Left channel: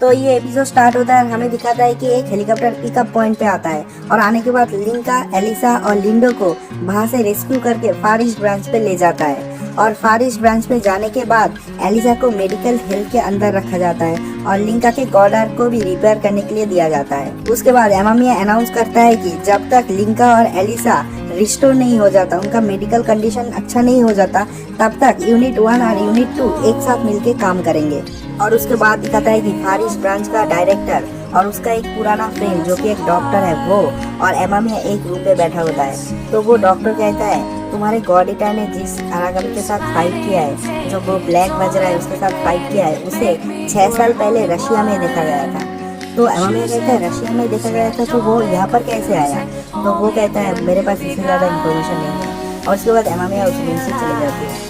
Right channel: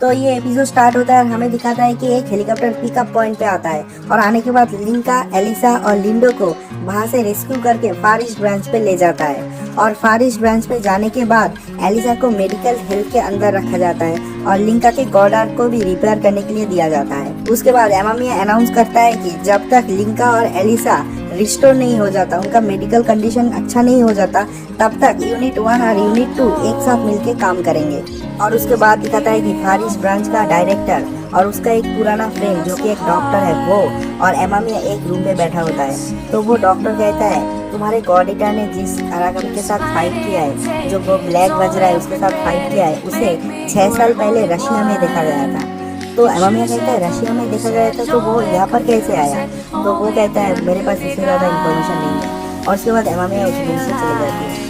तो ये episode start होता है, हमें दिखाता है कि एक हेलीकॉप्टर पिकअप पॉइंट पे आता है और आने के बाद लिंका, एलिसा और लिंडो को वहां से रेस्क्यू करके फार ईस्ट ब्रांच पे ले जाता है। और फार ईस्ट ब्रांच पे जाने के बाद एलिसा को मेडिकल हिल के अंदर रखा जाता है और लिंका के गॉड आर्क को भी रिपेयर करने के लिए दिया जाता है। उसके बाद एमामिया अनाउंस करता है कि जब तक लिंका और एलिसा रिस्टोर नहीं हो जाता, उनका मेडिकल कंडीशन अच्छा नहीं हो जाता, तब तक यूनिट 1 और यूनिट 2 एक साथ मिलकर काम करेंगे। और उसके बाद दिखाता है कि फार ईस्ट ब्रांच का डायरेक्टर और उसका एक पुराना फ्रेंड जो कि एक डॉक्टर है वो और एमामिया एक रूम पे बैठा होता है। तो वो डॉक्टर कहता है तुम्हारे गॉड ईटर ने जिस अरागम के साथ फाइट किया है, जो वो ब्लैक वज्रा है उसके साथ फाइट किया है, उसे 6 साल पहले रशिया में देखा गया था। तो एमामिया कहता है रशिया में देखा गया था तो वो यहाँ पर कैसे आया? तो वो कहता है मेरे पास इससे ज़्यादा इन्फॉर्मेशन नहीं है। और उसके बाद एमामिया उस रूम से चले जाती है।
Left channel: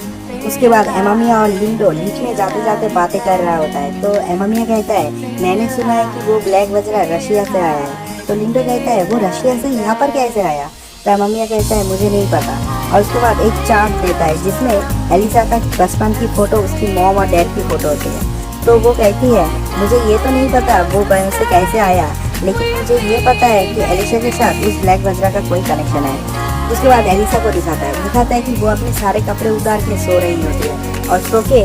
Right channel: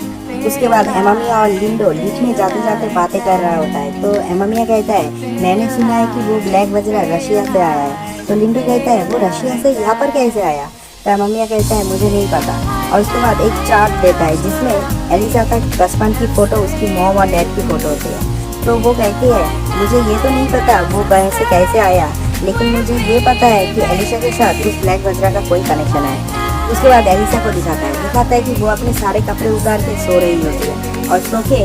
उसके बाद एमामिया और लिंडो बीच में जाते जाते बातें कर रहा होता है। तो एमामिया कहता है मैंने सुना है कि वो ब्लैक वज्रा रशिया से आया है। तो लिंडो कहता है वो रशिया से यहाँ पर कैसे आया? तो एमामिया कहता है मुझे नहीं पता। और उसके बाद एक चार्ट देता है जिसमें एलिसा का बचपन की फोटो, उसकी मॉम और डैड की फोटो होती है। तो वो कहती है मुझे ये तो नहीं पता वो बैंक से कैसे आया, लेकिन मुझे ये पता है कि एलिसा के साथ उस ब्लैक वज्रा का कोई कनेक्शन है। उसके बाद एलिसा को दिखाता है कि वो अपने सारे कपड़े उतार के सो रही होती है और सो के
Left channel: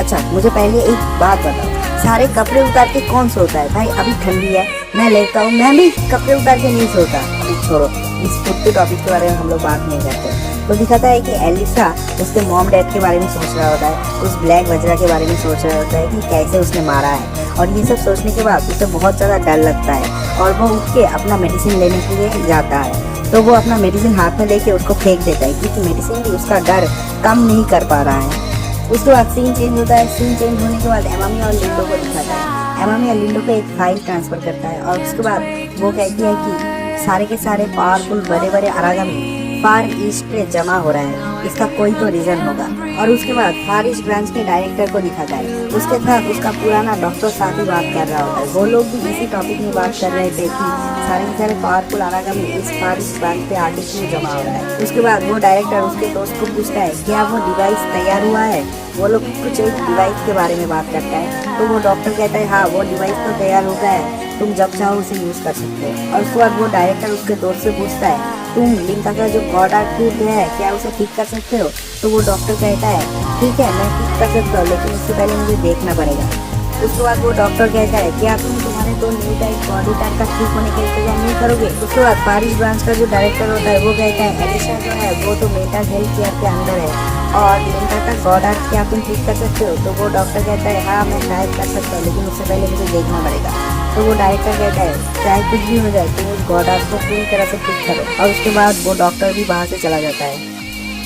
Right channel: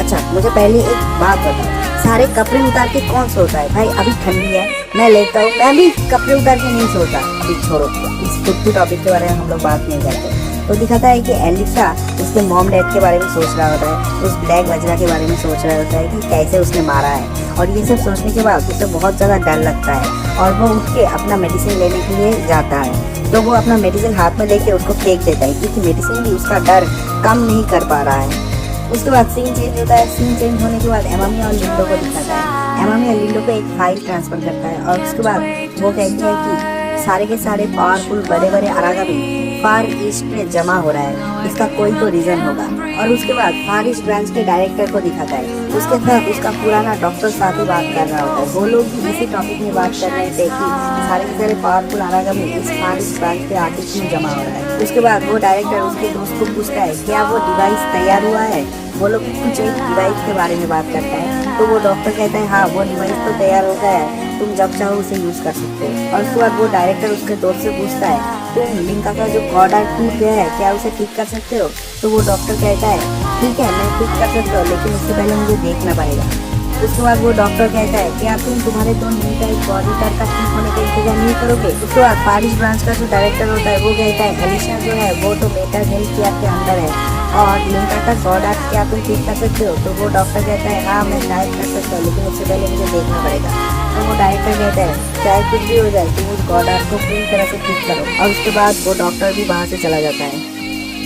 अच्छा मुझे पहले एक बात बताओ, सारे कपड़े उतार के कौन सोता है? भाई अभी ठंडी है, मैं लेता हूँ, मैं भी कपड़े उतार के नहीं सोता। अभी छोड़ो, इस कुत्ते टॉपिक के बारे में हम लोग बात नहीं करते। तो दिखाता है कि एलिसा उसके मॉम डैड के बारे में सोच रहा होता है, उस ब्लैक वज्रा के बारे में सोच रहा होता है कि कैसे उसने मारा है। और ये सब सोचने के बाद उसे बहुत ज़्यादा डर लगता है और वो उठ के अपना मेडिसिन लेने के लिए जाता है। तो वो अपना मेडिसिन हाथ में लेके उसको फेंक देता है क्योंकि मेडिसिन भी उसका डर कम नहीं कर पा रहा है। उसके बाद सीन चेंज होता है। सीन चेंज होने के बाद एमामिया और लिंडो को दिखाता है। एमामिया लिंडो को एक फाइल ट्रांसफर करता है और उसके बाद वो कहती है कि सारे के सारे पावरफुल बड़े बड़े अरागमी फार ईस्ट पे जमा हो रहा है, इसका कोई तो रीजन होगा। और उसके बाद फार ईस्ट ब्रांच के डायरेक्टर को दिखाता है, उसके साथ उसका पुराना डॉक्टर साथ ही बात कर रहा होता है। वो लोग भी इसी टॉपिक में बात कर रहे थे कि सारे के सारे पावरफुल अरागमी इस फार ईस्ट ब्रांच पे आर्टिफिशियल जमा हो रहा है। उसके बाद वो डायरेक्टर उसके दोस्त को पूछता है क्या वो डिवाइस तैयार हुआ है? वो लोग कुछ एक डिवाइस के बारे में बात करते हैं। तो वो डॉक्टर कहता है हाँ वो डिवाइस तो तैयार होता है, तुम जब चाहो उसे यूज़ कर सकते हो। और उसके बाद वो डायरेक्टर उसके दोस्त से पूछता है तुम लिंका का जो ऑर्डर टूट गया है क्या उसे ठीक कर सकते हो? तो वो डॉक्टर कहता है ठीक है मैं ठीक कर सकता हूँ, लेकिन उससे पहले मुझे देखना पड़ेगा। उसके बाद वो डॉक्टर कहता है क्या तुम तुम्हारे तो न्यू टाइप बॉडी टाइप का ठीक होने का इंतजाम नहीं करोगे? उसके बाद फार ईस्ट ब्रांच का जो डायरेक्टर होता है वो कहता है एलिसा जो है वो तो मेटा हेल्थ की आपके अंदर है और लिंका का गॉड आर्क क्या तुम ठीक कर सकते हो? तो वो डॉक्टर कहता है हाँ मैं शायद कर सकता हूँ, लेकिन उससे पहले मुझे देखना पड़ेगा। तो वो डायरेक्टर कहता है चाहे कुछ भी हो जाए तुम उस गॉड आर्क को पूरी तरह से ठीक करो। और उसके बाद वो डॉक्टर भी वहाँ से चला जाता है।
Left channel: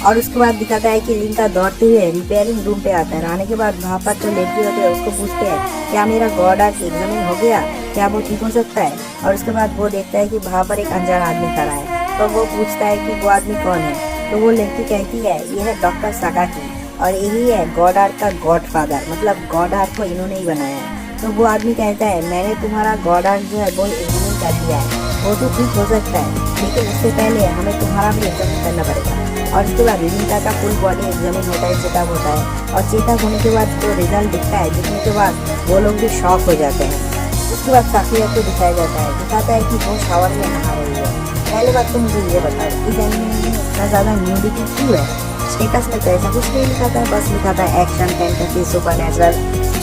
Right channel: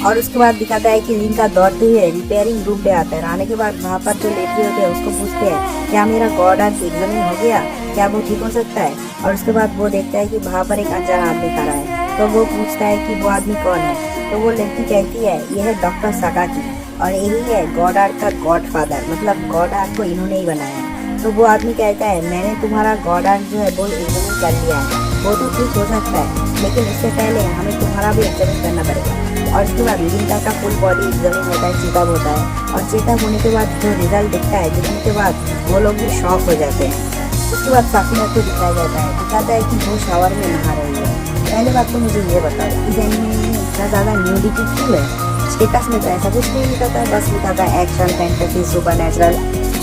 और उसके बाद दिखाता है कि लिंका दौड़ते हुए रिपेयरिंग रूम पे आता है। आने के बाद वहाँ पर जो लेटी होते हैं उसको पूछते हैं क्या मेरा गॉड आर्क एग्जामिन हो गया, क्या वो ठीक हो सकता है? और उसके बाद वो देखता है कि वहाँ पर एक अनजान आदमी खड़ा है। तो वो पूछता है कि वो आदमी कौन है? तो वो लड़की कहती है यह है डॉक्टर सगाकी और यही है गॉड आर्क का गॉड फादर, मतलब गॉड आर्क को इन्होंने ही बनाया है। तो वो आदमी कहता है मैंने तुम्हारा गॉड आर्क जो है वो एग्जामिन कर लिया है, वो तो ठीक हो सकता है, लेकिन उससे पहले हमें तुम्हारा भी एग्जामिन करना पड़ेगा। और उसके बाद लिंका का फुल बॉडी एग्जामिन होता है, चेकअप होता है और चेकअप होने के बाद जो रिजल्ट दिखता है जिसके बाद वो लोग भी शॉक हो जाते हैं। उसके बाद साफिया को दिखाया जाता है, दिखाता है कि वो शावर में नहा रही है। पहले बात तो मुझे ये बताओ कि इतना ज़्यादा न्यूडिटी क्यों है? स्टेटस में तो ऐसा कुछ नहीं दिखाता है, बस दिखाता है एक्शन फैंटेसी सुपर नेचुरल।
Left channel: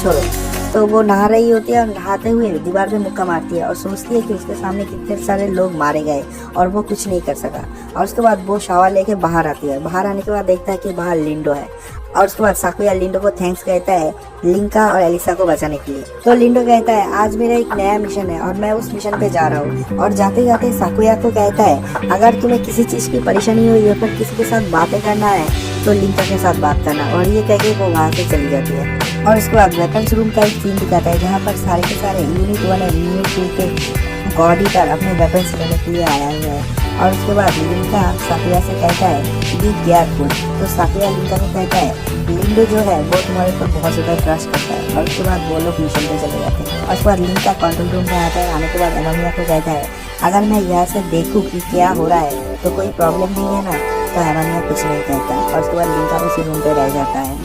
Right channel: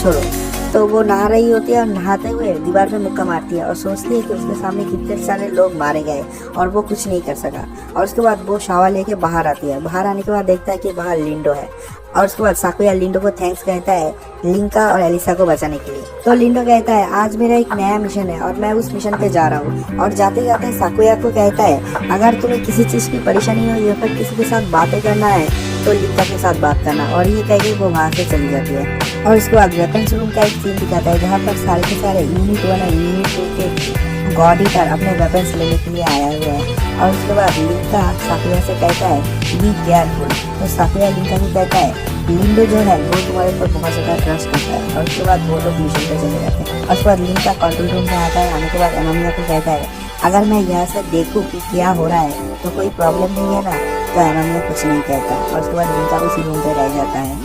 छोड़ो, तो वो नहा रही होती है और नहाते हुए दीवार पे मुक्का मारती है और सोचती है कि उसके सामने कितने सारे लोग मारे गए और वो कुछ नहीं कर सका। और उसके बाद वो शावर लेके बाहर आती है। बाहर आने के बाद देखता है कि बाहर लिंडो है और उसके बाद साकुया लिंडो को थैंक्स कहता है लिंका और एलिसा को बचाने के लिए। तो लिंडो कहता है आज मेरा एक नया मिशन है और मैं उस मिशन पे जा रहा हूँ। और जाते जाते साकुया को कहता है अगर तुम्हें किसी चीज़ की परेशानी हो या फिर किसी के साथ बातें करना है तो लिंका के साथ बात करना। और ये कहीं वो वहाँ से चली जाती है। और उसके बाद वेपन्स रूम का एक सीन दिखाता है जहाँ पर सारे के सारे यूनिट 1 और यूनिट 2 के गॉडी पर अपने वेपन्स लेने के लिए आया हुआ है। और उसके बाद लिंका साफिया से कहता है बी केयरफुल। तो साफिया लिंका से कहता है लिंडो जो है वो तुम्हारे ऊपर बहुत ज़्यादा ट्रस्ट करता है। और उसके बाद वो लोग मिशन पे चले जाते हैं। और उसके बाद लिंका कंट्रोल रूम में आता है। आने के बाद एमामिया को कहता है अगर मैं यहाँ से देखूँ कि क्या हो रहा है तो कोई प्रॉब्लम नहीं है ना? तो एमामिया कुछ नहीं कहता और उसके बाद लिंका उसी रूम पे रह जाता है।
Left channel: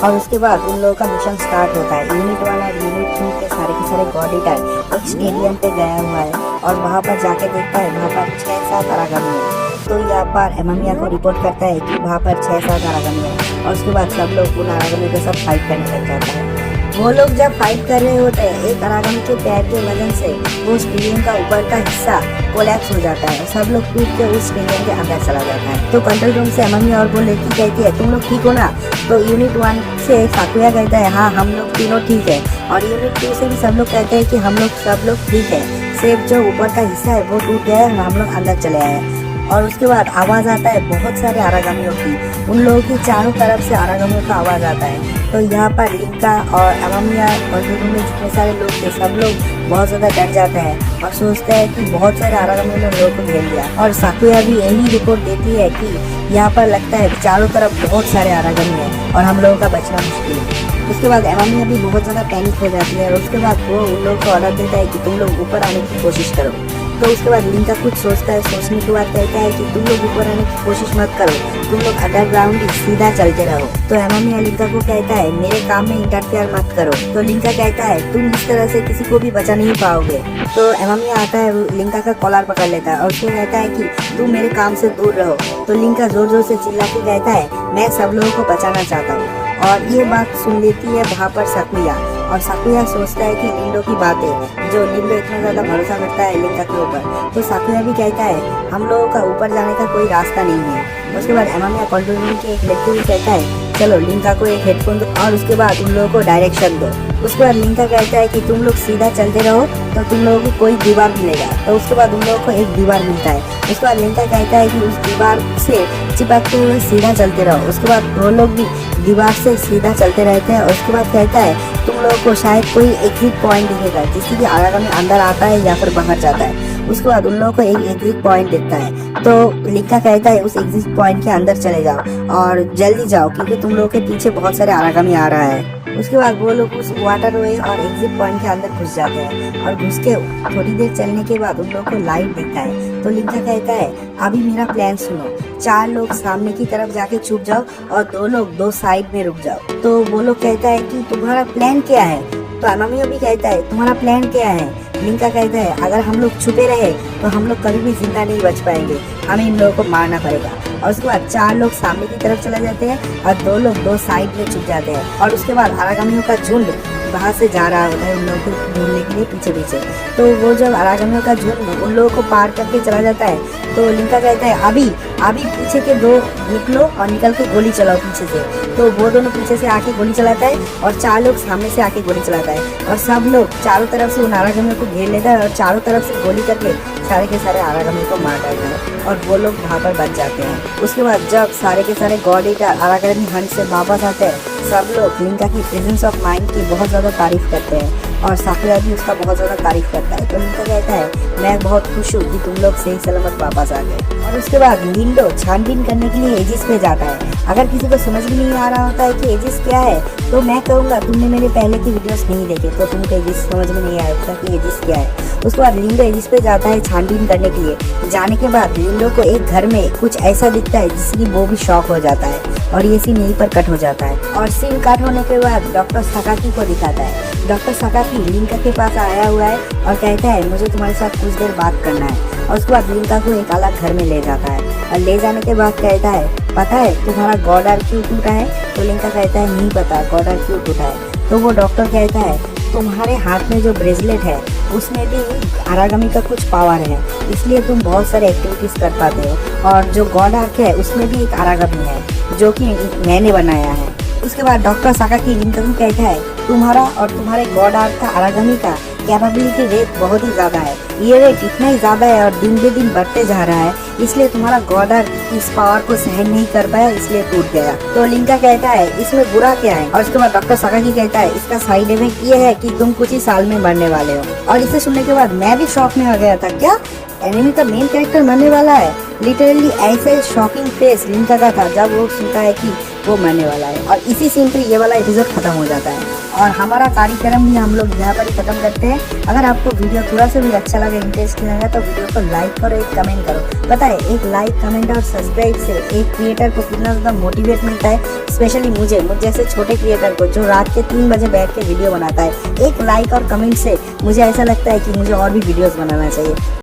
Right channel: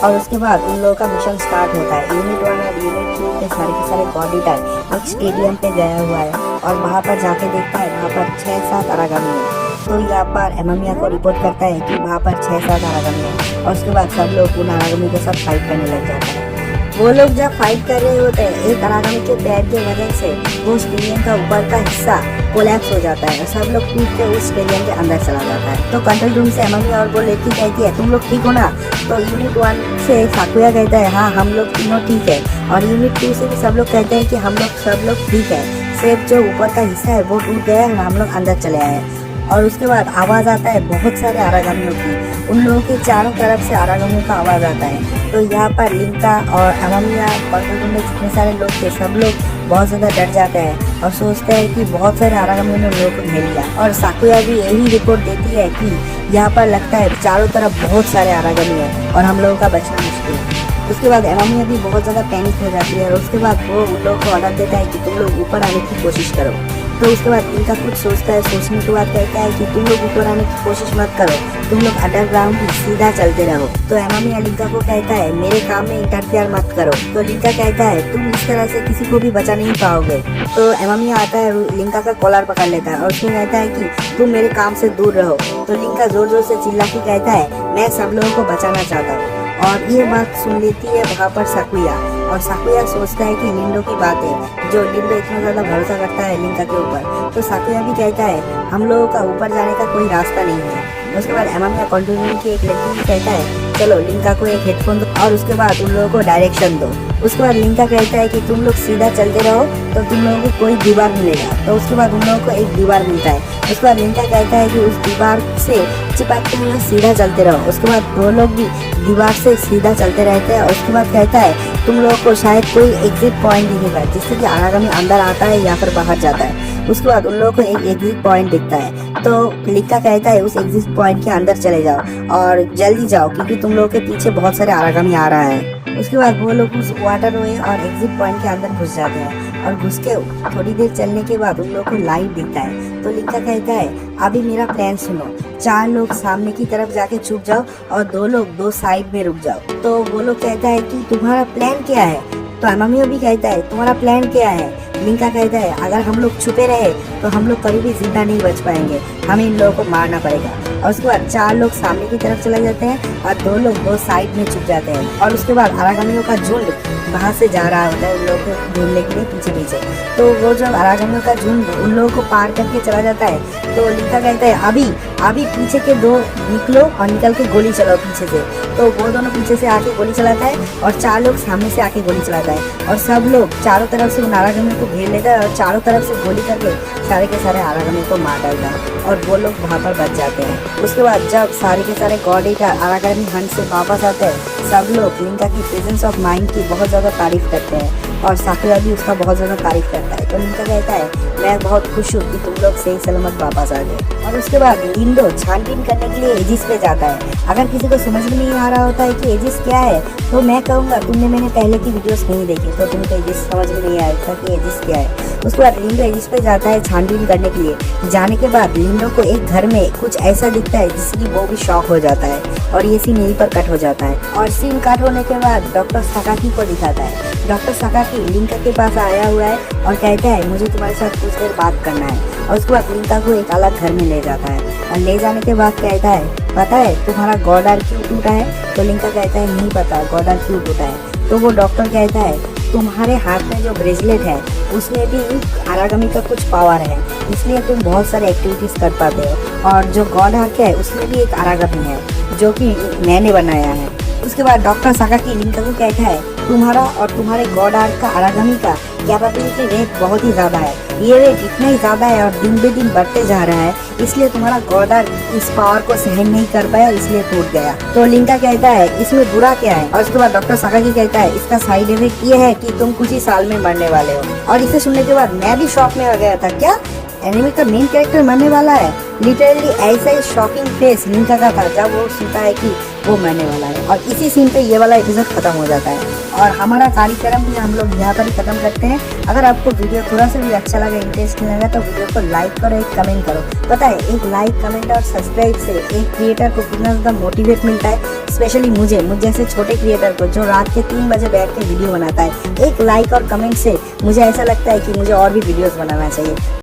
और उसके बाद उन लोगों का मिशन स्टार्ट होता है। यूनिट 1 और यूनिट 2 के सारे गॉड ईटर एक स्टेडियम पे गया हुआ है और वहाँ पर जाके देखता है वहाँ पर 6-7 आरागामी है। तो यहाँ पर एमामिया को रिपोर्ट करता है कि वहाँ पर 6-7 आरागामी है और उसके बाद सब लोग उन आरागामी के साथ फाइट करने लग जाते हैं। वो लोग जब फाइट कर रहे होते हैं, एक आरागामी के पैर के वजन से वो स्टेडियम का ऊपर का हिस्सा कोलैप्स हो जाता है। सब लोग टूट कर उस स्टेडियम के अंदर चला जाता है। तो कंट्रोल रूम से एमामी और वो लड़की कहती है तुम लोग ठीक हो ना? तो यूनिट 1 से साकुया कहता है हाँ हम लोग तीनों ठीक है। और यूनिट 2 से भी सब लोग कहते हैं कि हम लोग सब लोग ठीक है, सिर्फ जो ऊपर का हिस्सा है वो टूट गया है, हम लोग अंदर चले आए। और उसके बाद आवाज़ आता है बहुत सारे आरागामियों की। उन लोगों के चारों तरफ से आरागामियों का आवाज़ आता है। तो यहाँ पर लिंका और एमामिया कंट्रोल रूम में जितने सारे लोग थे सब लोग बहुत ज़्यादा डर जाते हैं और सोचते हैं कि बहुत सारे आरागामियों ने लोगों को घेर लिया। और साकुया भी यही रिपोर्ट देती है कि यहाँ पर लगता है चारों तरफ बहुत सारे आरागामी हैं और हम लोगों का बचना मुश्किल है। उसके बाद एमामिया भी बहुत ज़्यादा पैनिक हो जाती है और उसके बाद वो उन लोगों को ऑर्डर देता है कि तुम लोग ऊपर आने की कोशिश करो। तो उसके बाद लिंका कुछ सोचता है, सोचने के बाद कहता है कि तुम लोग ऊपर आने की कोशिश मत करो, तुम लोग अंडरग्राउंड सीधा चलते रहो। तो एमामिया लिंका को कहता है मेरे काम में इंटरफेयर मत करो। तो लिंका कहता है तुम इस तरह से किसी को भी बचा नहीं पाओगे। तो एमामिया आता है, लिंका का कॉलर पकड़ लेता है और उसमें कहता है कि तुम मेरे काम से दूर रहो। तो लिंका जोर जोर से चिल्ला के कहता है मैं सब लोगों को बचाना चाहता हूँ। और ये बात सुन लेती है वहाँ पर साकुया और साकुया सोचता है कि लिंडो की बात है, जो लिंडो इतना ज़्यादा भरोसा करता है लिंका के ऊपर। तो साकुया भी कहता है हम लोगों का ऊपर जाने का कोई रास्ता नहीं है। उसके बाद एमामिया कंट्रोल रूम की एक लड़की भी कहता है चलो लिंका को एक हेडफोन दो और उसके बाद उन लोगों को डायरेक्शन दो। उसके बाद लिंका कहता है कि तुम लोग सीधा चलते रहो तो तुम लोगों को कोई दीवार मिलेगा। तो उसके बाद उन लोगों को एक दीवार मिलता है। उसके बाद लिंका कहता है कि उस दीवार से चिपकते हुए सीधा चलते रहो। उसके बाद दो लोग भी दीवार से सीधा चलते रहते हैं और उसके बाद कहता है तुम लोगों को शायद कोई एग्जिट पॉइंट दिखेगा जिससे कि आरागामी अंदर आता है या फिर बाहर जाता है। उसके बाद उन लोगों को एक एग्जिट पॉइंट दिखता है। तो लिंका कहता है उस एग्जिट पॉइंट के अंदर चले जाओ और जल्दी जाओ क्योंकि तुम लोगों के पीछे बहुत सारे आरागामी आ रहा है। उसके बाद वो लोग उस वाटर वे और एग्जिट पॉइंट के अंदर घुस जाते हैं और घुस के थोड़ी देर चलने के बाद उन लोगों को लाइट दिखता है। तो लिंका कहता है अभी मेरा प्लान सुनो, 4 लोग सामने की तरफ जाके छुप जाओ और 2 लोग 2 साइड में रुक जाओ। तो वो लोग कहता है कि तुम्हारा प्लान क्या है? तो एमामिया भी कहता है तुम्हारा प्लान क्या है? लिंका कहता है अगर हम लोग छुपे रहे तो हम लोग कभी भी जिंदा नहीं बच पाएंगे, हमें इन लोगों को मारना पड़ेगा। और उसके बाद 4 लोग सामने की तरफ चले जाते हैं और 2 लोग 2 साइड में छुप जाते हैं। और उसके बाद आरागामियों का झुंड वहाँ से जा रहा होता है उन लोगों को ढूंढने के लिए पीछे पीछे। तो वो जब आरागामियों का झुंड उन लोगों को पार करके चला जाता है तो लिंका कहता है अभी पीछे के 2 निकलो और निकल के गोली चलाओ पीछे से। तो वो दोनों पीछे से आके गोली चलाता है और 4 लोग सामने से आके गोली चलाता है और सब लोग चारों तरफ से उन आरागामियों को घेर लेता है और चारों तरफ से गोली करके सारे के सारे आरागामियों को मार देता है और वो लोग वहाँ पर बच जाते हैं। उसके बाद जब सारे के सारे गॉड ईटर आरागामी हंट से वापस आते हैं सब लोग लिंका की प्रेजेंस ऑफ माइंड की बहुत ज़्यादा तारीफ करते हैं और साकुया भी उसका बहुत ज़्यादा तारीफ करता है। तो लिंका कहता है मैं बहुत खुश हूँ कि तुम लोग सही सलामत वापस आ गए। और उसके बाद लिंडो छानबीन करने के लिए एजिस पे जाता है। अगर किसी को समझ में नहीं आ रहा होता है कि एजिस क्या है तो मैं कहूँगा तुमने मेरे पहले की वीडियोस नहीं देखी तो तुमको एजिस समझ में नहीं आएगा कि एजिस क्या है। उसके बाद लिंडो एजिस पे जाता है छानबीन करने के लिए। जाने के बाद लिंडो को एक घर में कुछ ऐसा दिखता है जिसकी वो भी शॉक हो जाता है और ये सीन यहीं पर कट हो जाता है। और सीन कट होने के बाद डॉक्टर सकाकी को दिखाता है। डॉक्टर सकाकी लिंका के पास आया हुआ है और कहता है मुझे तुम्हारे साथ कुछ देर बात करना है। और उसके बाद लिंका को एक अलग घर में ले जाता है और ले जाने के बाद कहता है पता है तुम्हारा गॉड आर्म क्यों टूटा है? तो लिंका कहता है नहीं पता गॉड आर्म क्यों टूटा है। तो वो डॉक्टर कहता है तुम्हारे हाथ में जो ब्रेसलेट है उसमें भी आरागामी का कुछ पावर है इसलिए तुम बहुत सारे एक्टिविटीज कर पाते हो। और जो गॉड आर्क है उसमें भी एक आरागामी है जो कि मैंने बनाया है। उसके बाद डॉक्टर सकाकी लिंका को कहता है तुम्हारा और तुम्हारे गॉड आर्क का आरागामी का कैपेबिलिटी रेट बहुत ही ज़्यादा है, ये रेट इतना ही ज़्यादा है और दिन बे दिन बढ़ते जा रहा है इसलिए तुम्हारा गॉड आर्क इस पावर को सहन नहीं कर पाया इसलिए टूट गया। तो लिंका कहता है इसमें बुरा क्या है? और उसके बाद डॉक्टर सकाकी कहता है इसका साइड इफेक्ट ये है कि तुम कुछ ही साल में मरने वाले हो। और इसे सुनने के बाद मैं भी शॉक में आ गया था, क्या एनिमे का मेन कैरेक्टर मरने वाला है? लिटरली ऐसा ही शॉकिंग फेस लिंका का था जब वो सुनता है कि वो मरने वाला है। और इसी सीन पे ये वाला एपिसोड खत्म हो जाता है और हमारा कार्यक्रम भी हम लोग यहाँ पर ही खत्म करते हैं। अगर आपको वीडियो थोड़ा सा भी अच्छा लगा, इंटरेस्टिंग लगा तो वीडियो को लाइक करो, एक कमेंट करो। पता है एक लाइक कमेंट और सब्सक्राइब से एक क्रिएटर को कितना ज़्यादा मोटिवेट मिलता है। स्पेशली मुझ जैसे छोटे क्रिएटर को जो रात के 3 बजे बैठ के वीडियो बनाता है, एक लाइक और कमेंट से मुझे ऐसा लगता है कि मुझे और भी वीडियोस बनाना चाहिए।